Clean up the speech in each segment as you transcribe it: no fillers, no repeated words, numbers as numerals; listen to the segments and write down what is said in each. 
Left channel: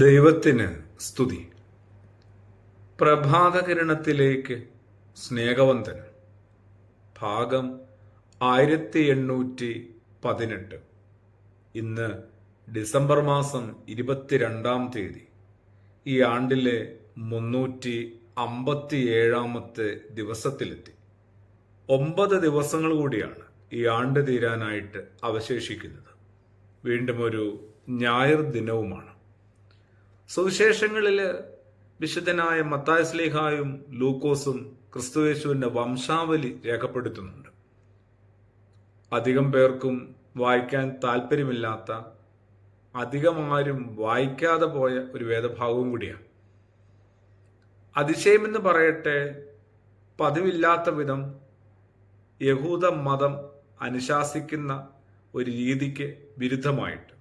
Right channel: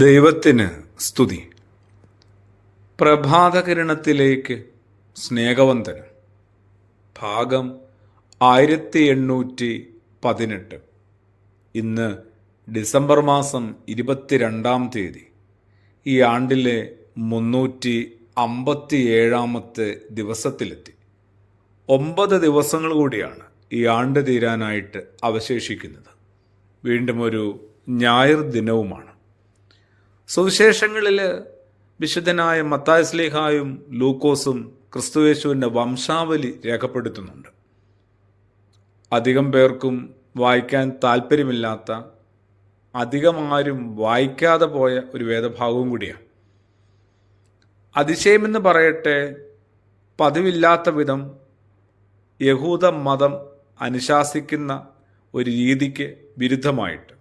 ദൈവത്തിന് സ്തുതി. പ്രഭാതകിരണത്തിലേക്ക് സ്നേഹവന്ദനം. ഭാഗം 1818. ഇന്ന് ഡിസംബർ മാസം 22 ഈ ആണ്ടിലെ 357 ദിവസത്തിലെത്തി. 9 ദിവസങ്ങൾ കൂടിയാണ് ഈ ആണ്ട് തീരാനായിട്ട് അവശേഷിക്കുന്നത്. വീണ്ടും ഒരു ഞായർ ദിനവുമാണ്. സുവിശേഷങ്ങളിൽ വിശുദ്ധനായ മത്തായി ശ്ലീഹായും ലൂക്കോസും ക്രിസ്തുയേശുവിൻ്റെ വംശാവലി രേഖപ്പെടുത്തുന്നുണ്ട്. അധികം പേർക്കും വായിക്കാൻ താല്പര്യമില്ലാത്ത, അധികം ആരും വായിക്കാതെ പോയ ഒരു വേദഭാഗവും കൂടിയാണ്. അതിശയമെന്ന് പറയട്ടെ, പതിവില്ലാത്ത വിധം യഹൂദ മതം അനുശാസിക്കുന്ന ഒരു രീതിക്ക് വിരുദ്ധമായിട്ട്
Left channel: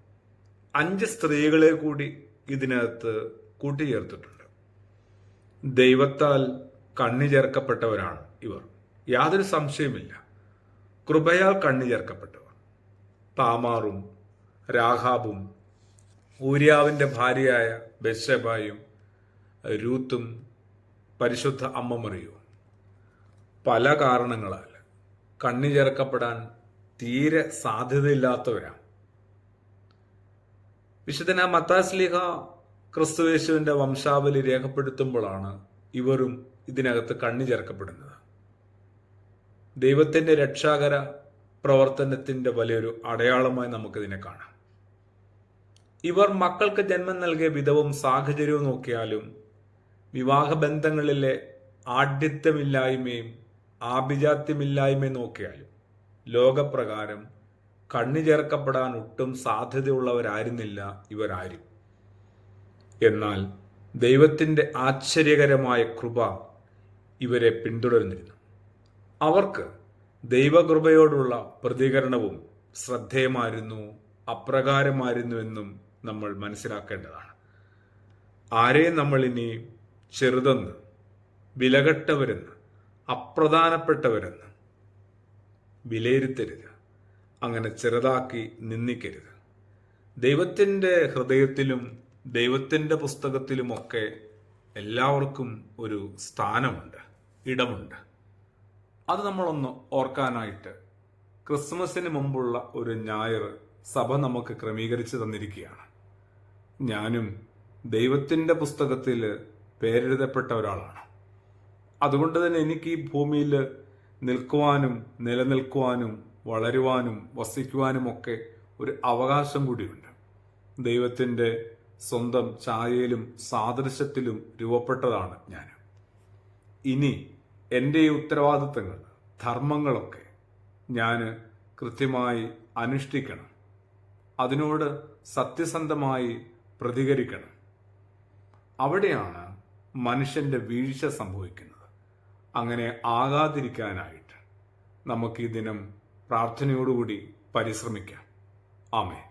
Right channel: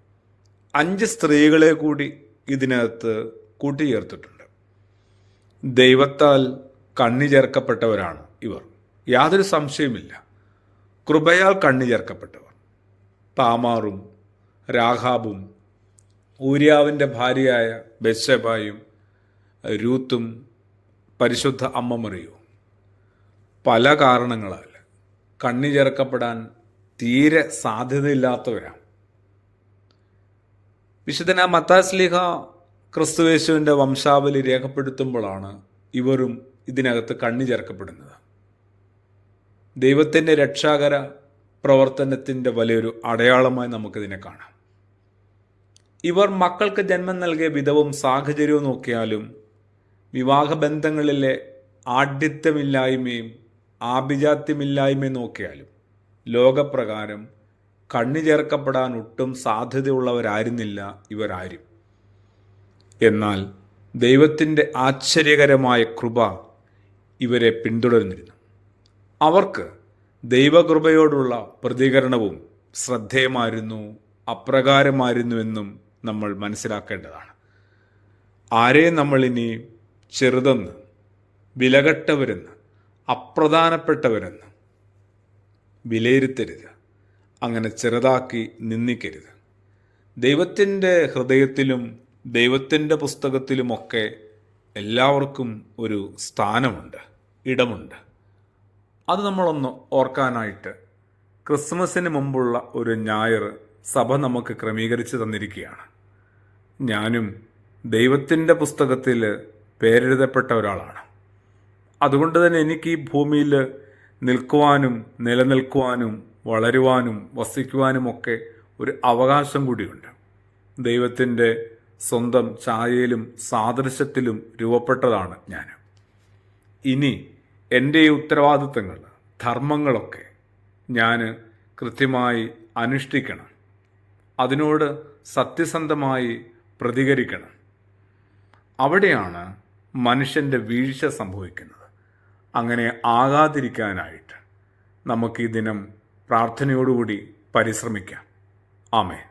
5 സ്ത്രീകളെ കൂടി ഇതിനകത്ത് കൂട്ടിച്ചേർത്തിട്ടുണ്ട്. ദൈവത്താൽ കണ്ണി ചേർക്കപ്പെട്ടവരാണ് ഇവർ, യാതൊരു സംശയമില്ല. കൃപയാൽ കണ്ണി ചേർക്കപ്പെട്ടവർ. താമാറും രാഹാബും ഊര്യാവിൻ്റെ ഭാര്യയായ ബത്ശേബയും രൂത്തും പരിശുദ്ധ അമ്മ മറിയവും പല കാരണങ്ങളാൽ കണ്ണി ചേർക്കപ്പെടാൻ തീരെ സാധ്യതയില്ലാത്തവരാണ്. വിശുദ്ധനായ മത്തായി ശ്ലീഹ ക്രിസ്തുയേശുവിൻ്റെ വംശാവലി രേഖപ്പെടുത്തുമ്പോഴാണ് ഇവരും ഇതിനകത്ത് കണ്ണി ചേർക്കപ്പെടുന്നത്. ദൈവത്തിൻ്റെ രക്ഷാകര പ്രവർത്തനത്തിൻ്റെ വലിയൊരു അടയാളമായി നമുക്കിതിനെ കാണാം. ഇവർ മക്കൾക്ക് ജന്മം നൽകിയ വിധവും സാഹചര്യവും നോക്കിയാലും, വിവാഹബന്ധങ്ങളിലെ ആഢ്യത്വമില്ലായ്മയും ആഭിജാത്യമില്ലായ്മയും നോക്കിയാലും ലോകപ്രകാരം കണ്ണി ചേർക്കപ്പെടാൻ ഒട്ടും സാധ്യതയുള്ളവരായിരുന്നില്ല ഇവരാരും. എന്നാൽ ദൈവത്തിൻ്റെ ആശ്ചര്യകരമായ കൃപ ഇവരെ പിന്തുടർന്നിരുന്നു. അവർക്ക് ദൈവകൃപയോടുള്ള പ്രതികരണവും ശ്രദ്ധേയമായിരുന്നു, അപ്രകാരമായിരുന്നുവെന്നും നമ്മൾ മനസ്സിലാക്കേണ്ടതാണ്. ആരെയും നമ്മൾ ഇനി ചെറുതെന്ന്, വിലകെട്ടവരെന്ന്, അപ്രധാനപ്പെട്ടവരെന്ന് വിലയിരുത്തരുത്. അങ്ങനെ ചെറുതാക്കി നിന്ദിക്കരുത്. ദൈവത്തിൻ്റെ ഹൃദയത്തിലും ദൈവത്തിൻ്റെ പുസ്തകത്തിലുമൊക്കെ എല്ലാവർക്കും ഒരു സ്ഥാനമുണ്ട്, ഇടമുണ്ട്. അത് നമ്മളൊന്ന് ഓർക്കാനായിട്ട് ക്രിസ്മസിന് മുമ്പുള്ള ഒരു ഞായർ സഭ നമുക്ക് ക്രമീകരിച്ച് തന്നിരിക്കുകയാണ്. ഞാനും ദൈവത്തിൻ്റെ പുസ്തകത്തിൽ പേരെഴുതപ്പെട്ട ഒരാളാണ്. അതുകൊണ്ട് തന്നെ എനിക്ക് ഈ ഭൂമിയിൽ നിൽക്കുവാനും നിലനിൽക്കുവാനും വളരുവാനും വസിക്കുവാനുമൊക്കെ ഒരു അവകാശം കൂടിയുണ്ട്. ദൈവത്തിൻ്റെ സ്വന്തം ഛായയിലും സാദൃശ്യത്തിലും രൂപപ്പെട്ടതാണ് ഞാൻ. ഇനി എൻ്റെ ഈ ഉത്തരവാദിത്തങ്ങൾ, ധർമ്മങ്ങളൊക്കെ ഞാൻ കൃത്യമായി അനുഷ്ഠിക്കണം. അതിനോട് സത്യസന്ധമായി പ്രതികരിക്കണം. അവിടെയാണ് മനുഷ്യൻ്റെ വീഴ്ച സംഭവിക്കുന്നത്. അങ്ങനെ ആകാതിരിക്കാനായിട്ട് നമുക്ക് ഈ ദിനം പ്രാർത്ഥനയോടുകൂടി പരിശ്രമിക്കാം. ആമേൻ.